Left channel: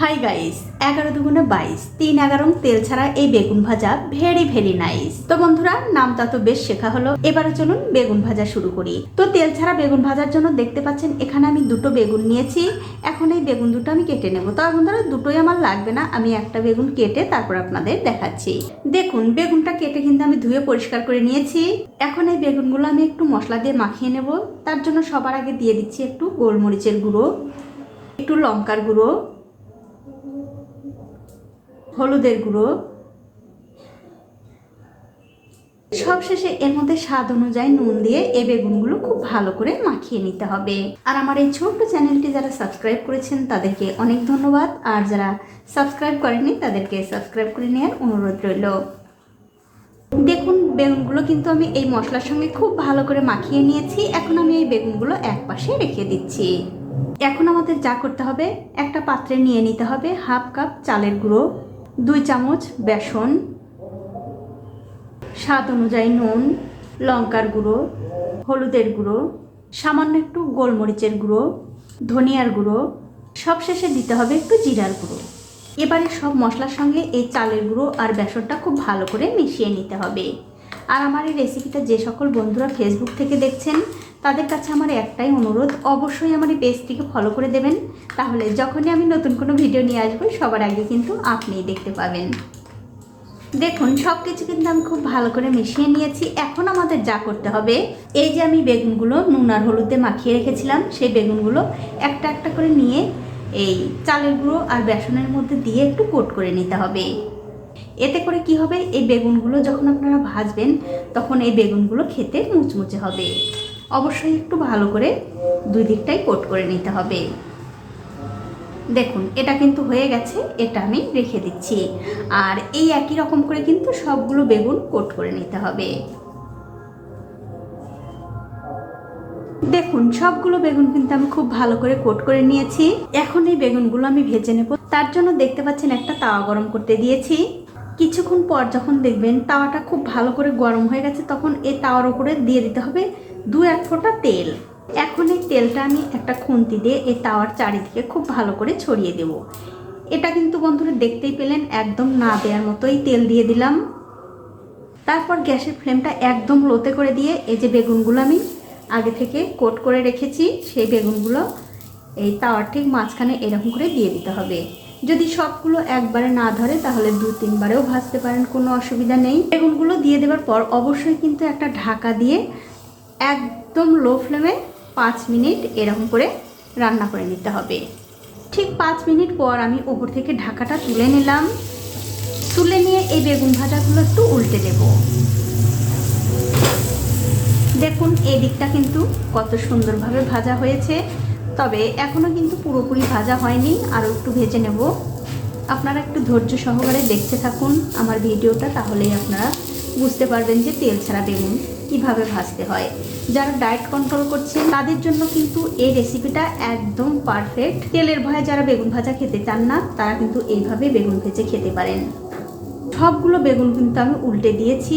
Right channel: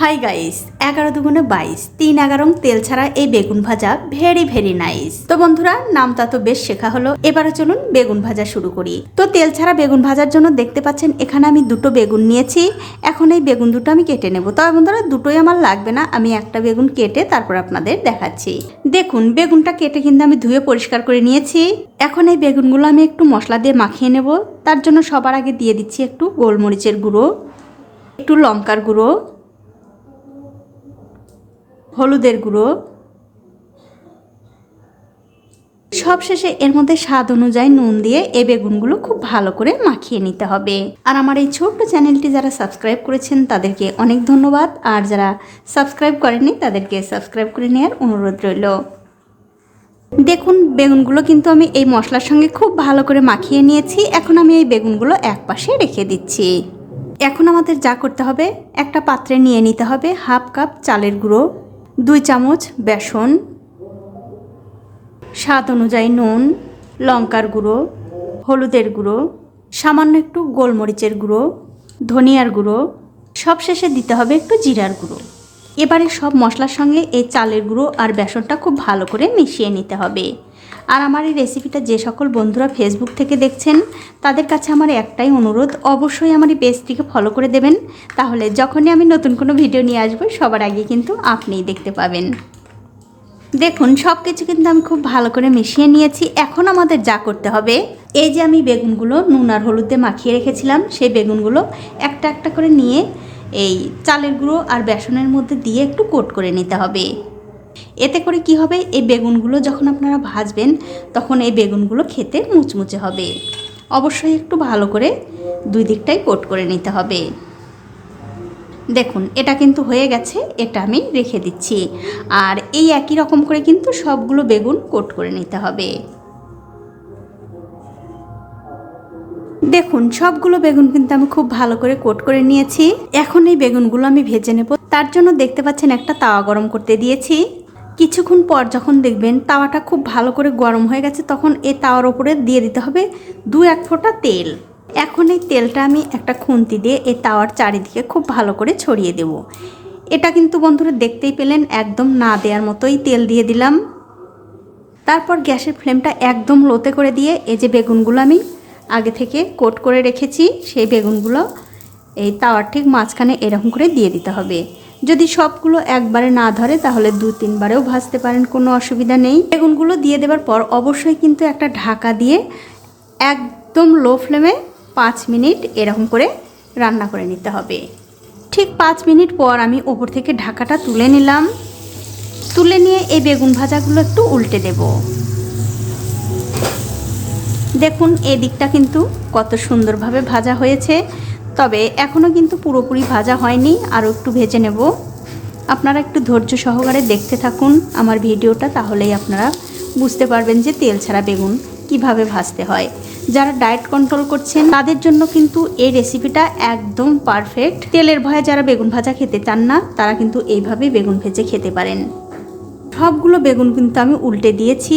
Hi guys, 11 দুগুণে 22, 3 11 তেল ছাড়া এই বেগুন ভাজা ভেরি ভেরি নাইস। তো বন্ধুরা, নামটা তো বেশ শেখা হলো, এবারে চলুন বেগুন ভাজা শুরু করি। তো তেল ছাড়া বেগুন ভাজার জন্য দেখতে পাচ্ছেন এখানে আমি দুটো বেগুন নিয়েছি। এখন এই বেগুন দুটো আমি কেটে নেব। তবে বন্ধুরা, দুটোই আমার লাগবে না, আমি একটা বেগুন কেটে তারপর আপনাদের দেখাচ্ছি। দেখুন, বেগুনটা কেটে কিন্তু আমি ধুয়ে পরিষ্কার করে নিয়েছি। এখন এই বেগুনগুলো আমি একটু মশলা দিয়ে মাখিয়ে নেব। তার জন্য সবার আগে দিয়ে দিচ্ছি একটু গোলমরিচের গুঁড়ো, একটু লঙ্কার গুঁড়ো, হলুদের গুঁড়ো, সবশেষে এর মধ্যে স্বাদ অনুযায়ী নুন দিয়ে এই বেগুনগুলো খুব ভালো করে মাখিয়ে নিতে হবে। আর আমার এই ছোট্ট চ্যানেলটি যারা সাবস্ক্রাইব করেছেন তাদেরকে অনেক ধন্যবাদ, আর যারা সাবস্ক্রাইব করেননি তাদেরকে সাবস্ক্রাইব করে নেওয়ার অনুরোধ রইল। দেখুন, বেগুনগুলো কিন্তু আমি এই মশলার সঙ্গে খুব ভালো করে মাখিয়ে নিয়েছি। এখন আমি এই বেগুনগুলো এক পাশে রেখে দিচ্ছি। এখন আমাদের যা করতে হবে, একটা পাত্রে নিয়ে নিতে হবে হাফ কাপ চালের গুঁড়ো, 2 চামচ বেসন, স্বাদ অনুযায়ী নুন, লঙ্কার গুঁড়ো, হলুদের গুঁড়ো, সামান্য একটু গোলমরিচের গুঁড়ো, ধনিয়ার গুঁড়ো, সবশেষে দিতে হবে একটু জিরার গুঁড়ো। এবারে সব মশলার সঙ্গে এই চালের গুঁড়ো আর বেসনটা খুব ভালো করে মিশিয়ে নিতে হবে। আর আমার এই রেসিপিটা যে সকল বন্ধুরা ফেসবুক থেকে দেখছেন তাদের কাছে আমার একটাই অনুরোধ, অবশ্যই আমার এই পেজটিকে ফলো করে দেবেন। তাহলে যখনই আমি নতুন কোনো ভিডিও নিয়ে আসবো সবার আগে কিন্তু আপনিই দেখতে পাবেন। দেখুন, সব কিছু কিন্তু আমি খুব ভালো করে মিশিয়ে নিয়েছি। এখন আমাদের যা করতে হবে, এই যে আমি বেগুনগুলো নুন আর হলুদে মাখিয়ে রেখেছিলাম সেই বেগুনগুলো একটা একটা করে নিয়ে এই চালের গুঁড়ো আর বেসনের মধ্যে দিয়ে একটু কোট করে নিতে হবে। এতে করে কি হবে, এই বেগুনগুলো যখন আপনারা ভাজবেন তখন এই বেগুনগুলো খেতে মুচমুচে হবে। অবশ্যই একটু ভালো করে দুই দিকটাই কোট করে নিতে হবে। দেখুন, এটা কিন্তু হয়ে গেছে, এটা আমি রেখে দিচ্ছি। আর এই একই রকম করে কিন্তু সবগুলো বেগুন কোট করে নিতে হবে। দেখুন, সবগুলো বেগুন কিন্তু আমি খুব ভালো করে কোট করে নিয়েছি। এখন এই বেগুনগুলো আমি ভেজে নেব। তার জন্য দেখতে পাচ্ছেন একটা তাওয়া গরম করতে দিয়েছি। কিছুক্ষণ পর যখন দেখবেন তাওয়াটা খুব ভালো করে গরম হয়ে গেছে, তখন এই তাওয়ার উপরে দিয়ে দিতে হবে 2-1 ফোঁটা তেল। এখন এই তেলটা আমি একটা খুন্তি দিয়ে এই তাওয়ার চারিদিকে খুব ভালো করে ছড়িয়ে দেব। এটা কিন্তু বন্ধুরা দেখতেই পেলেন, একদম না দেওয়ার মতোই তেল দিয়ে দিলাম। তারপর গ্যাসের ফ্লেমটা একদম লোতে করে দিয়ে এই যে বেগুনগুলো আমি আগে থেকে কোট করে রেখেছি সেই বেগুনগুলো এই তাওয়ার ঠিক মাঝখানে এরকম করে দিয়ে দিতে হবে। যদি সবগুলো একবারে না ধরে তাহলে 2-3 বারেও ভাজতে পারেন, কোনো অসুবিধা নেই। বেগুনগুলো দিয়ে দেওয়ার পর অবশ্যই কিন্তু একটা ঢাকা দিয়ে একদম লো ফ্লেমে 5 মিনিট এরকম করে রান্না করে নিতে হবে। ঠিক 5 মিনিট পর আমি ওপর থেকে ঢাকাটা তুলে নিলাম। তুলে নিয়ে এই বেগুন ভাজাগুলো একটু উল্টে দেব। দেখুন, এই দিকটা কিন্তু কত সুন্দরভাবে ভাজা হয়েছে, তবে এখনও কিন্তু পুরোপুরি ভাজা হয়নি, আরও একটু ভেজে নেব। আপনারা একটু ধৈর্য সহকারে দেখতে থাকুন আমার ভিডিওটা, তাহলেই আপনারা বুঝতে পারবেন যে তেল ছাড়া বেগুন কিভাবে ভাজতে হয়। যারা ডায়েট কন্ট্রোল করছেন তাদের জন্য কিন্তু এই রেসিপিটা একদম পারফেক্ট। তেলের ভয়ে যারা বেগুন ভাজা খেতে চান না তারা কিন্তু এইভাবে বেগুন ভেজে খেতে পারেন। সবগুলো বেগুন কিন্তু আমি উল্টে দিয়েছি।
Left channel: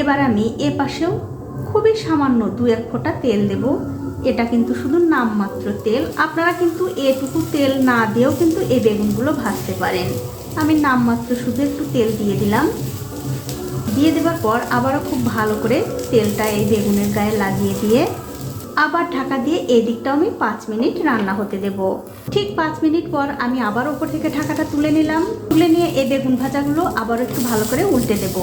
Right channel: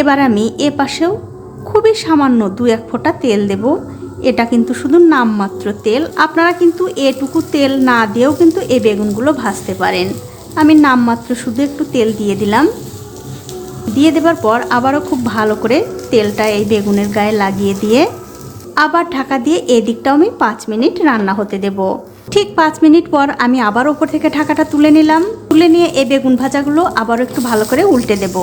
এবার আমি এ পাশেও খুবই সামান্য 2-1 ফোঁটা তেল দেব। এটা কিন্তু শুধু নামমাত্র তেল, আপনারা কিন্তু এটুকু তেল না দিয়েও কিন্তু এই বেগুনগুলো ভাজতে পারেন। আমি নামমাত্র শুধু একটু তেল দিয়ে দিলাম। দিয়ে দেওয়ার পর আবারও খুব ভালো করে তেলটা এই বেগুনের গায়ে লাগিয়ে দিয়ে আবার ঢাকা দিয়ে এই দিকটাও আমি 5 মিনিট রান্না হতে দেব। ঠিক 5 মিনিট পর আমি আবার ওপর থেকে ঢাকাটা তুলে নিলাম। তুলে নিয়ে এই বেগুন ভাজাগুলো আবারও একটু ভালো করে উল্টে দেব।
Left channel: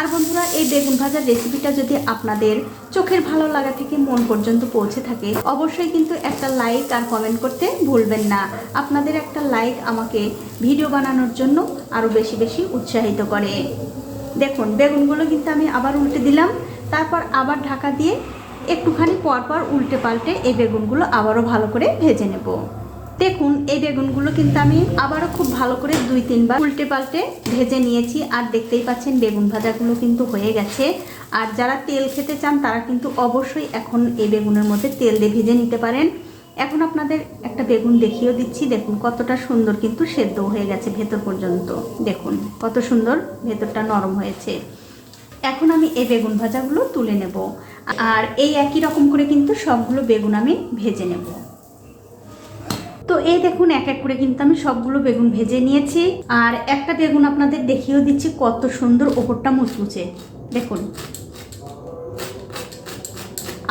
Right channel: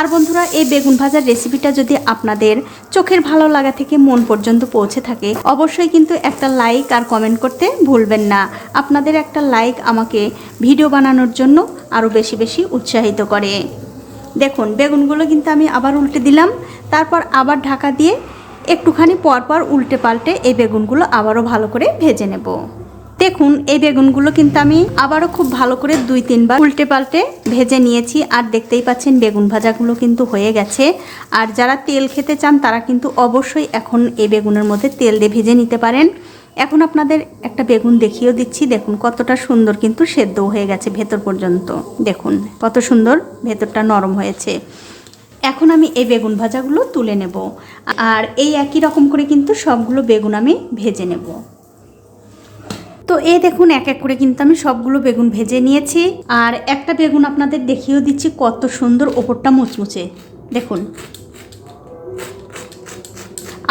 আর বন্ধুরা, এই বেগুন ভাজার রেসিপিটা যদি আপনাদের চোখের ভালো লাগা থেকে মন পর্যন্ত পৌঁছে থাকে অবশ্যই কিন্তু একটা লাইক আর কমেন্ট করতে ভুলবেন না। আপনাদের একটা লাইক আমাকে ভিডিও বানানোর জন্য আরও বেশি বেশি উৎসাহিত করে। দেখুন, বেগুনগুলো কিন্তু আমি আবার উল্টে দিলাম। তারপর আবার ঢাকা দিয়ে একটুখানি পরপর উল্টে পাল্টে এই বেগুনগুলো আবারও ভালো করে ভেজে নেব। দেখুন, এই বেগুনগুলো কিন্তু আমি আবারও খুব ভালো করে 2-3 বার উল্টে পাল্টে ভেজে নিয়েছি। আর দেখতেই পাচ্ছেন বেগুন ভাজাগুলো কিন্তু হয়ে গেছে। আর যারা তেল খেতে চান তারা কিন্তু অবশ্যই এখন এই বেগুনের মধ্যে তেল দিয়ে ভেজে নিতে পারেন। এখন আপনাদের একটা বেগুন দেখিয়েও দিচ্ছি। দেখুন কতটা সুন্দর কিন্তু সেদ্ধ হয়ে গেছে ভেতর পর্যন্ত। দেখুন কত সুন্দর ভেতরটা নরম হয়েছে। এখন আমি এই বেগুন ভাজাগুলো তুলে নেব। আর এই একই রকম করে কিন্তু সবগুলো বেগুন আমি ভেজে নেব। তো এই দেখুন এক এক করে কিন্তু আমি সবগুলো বেগুন ভেজে নিয়েছি। আর একটা বেগুন আপনাদের দেখিয়েও দিচ্ছি কত সুন্দর, ওপরটা মুচমুচে। দেখুন,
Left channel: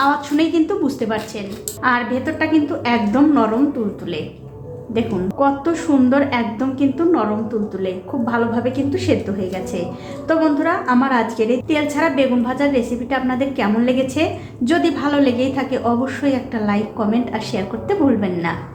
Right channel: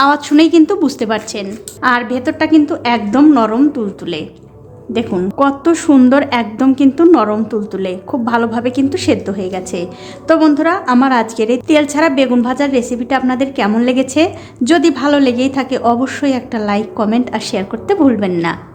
আওয়াজ শুনেই কিন্তু বুঝতে পারছেন। আর ভেতরটা কিন্তু একদম নরম তুলতুলে। দেখুন কত সুন্দর, একদম কিন্তু নরম তুলতুলে, খুব ভালোভাবে কিন্তু সেদ্ধ হয়ে গেছে। তো বন্ধুরা, আমার আজকের এই তেল ছাড়া বেগুন ভাজার রেসিপিটা আপনাদের কেমন লেগেছে? যদি ভালো লেগেই থাকে অবশ্যই একটা লাইক, কমেন্ট আর শেয়ার করতে ভুলবেন না।